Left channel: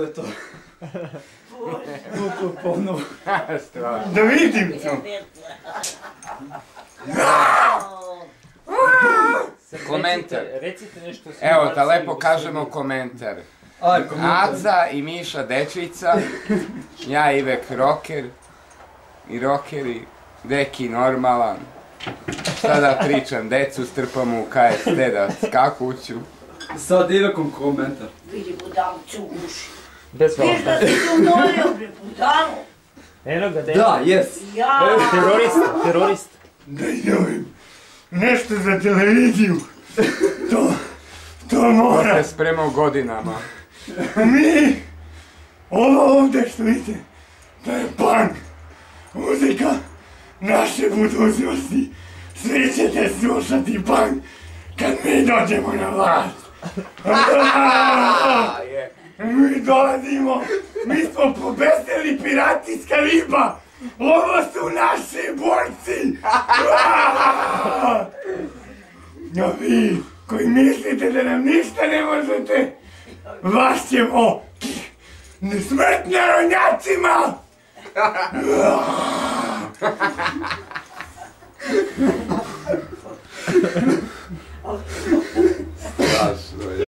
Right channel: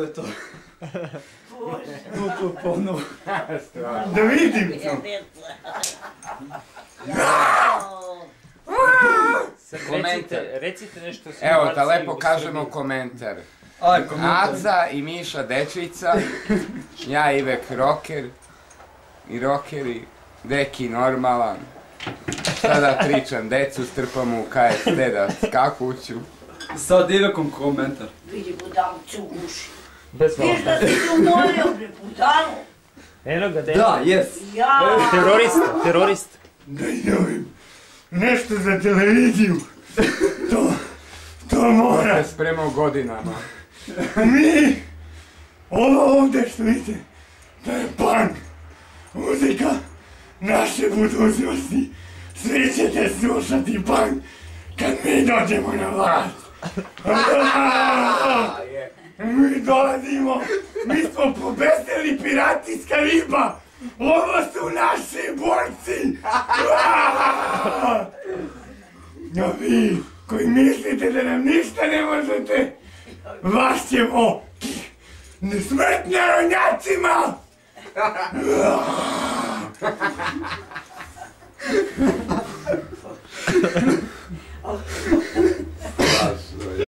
to je to. Bože. To ponovo. Strašno. Da vidim to. Komentar. Recite nešto. Evo, da lepo kažemo komentar. Aj, komentar. Aca i Miša Dečica, ja Ivek rocker i rockeri, Deki normalan. Šta da pričam, decu strpamo u KFT da skakuću. Sad Ivekom komentar. Vidi budalo ću uši. Bez Viš da si ti umorio, bre, budalo. Eno ga, Da, jes. Ja. Terorista. Daj dobim nešto za televiziju. To mora. To se spremao godinama. Mi, ovo ovdje što vidite, to je punk. Muzika naše budućnosti. Svi ćete slušati punk kad mi dođemo na vlast. Mi dolazimo, mi smo pobesnili pirati iz Kariba. Ovo su naši borci. A vi koji mislite da nam ništa ne možete, vas ćemo smrt narodnjacima!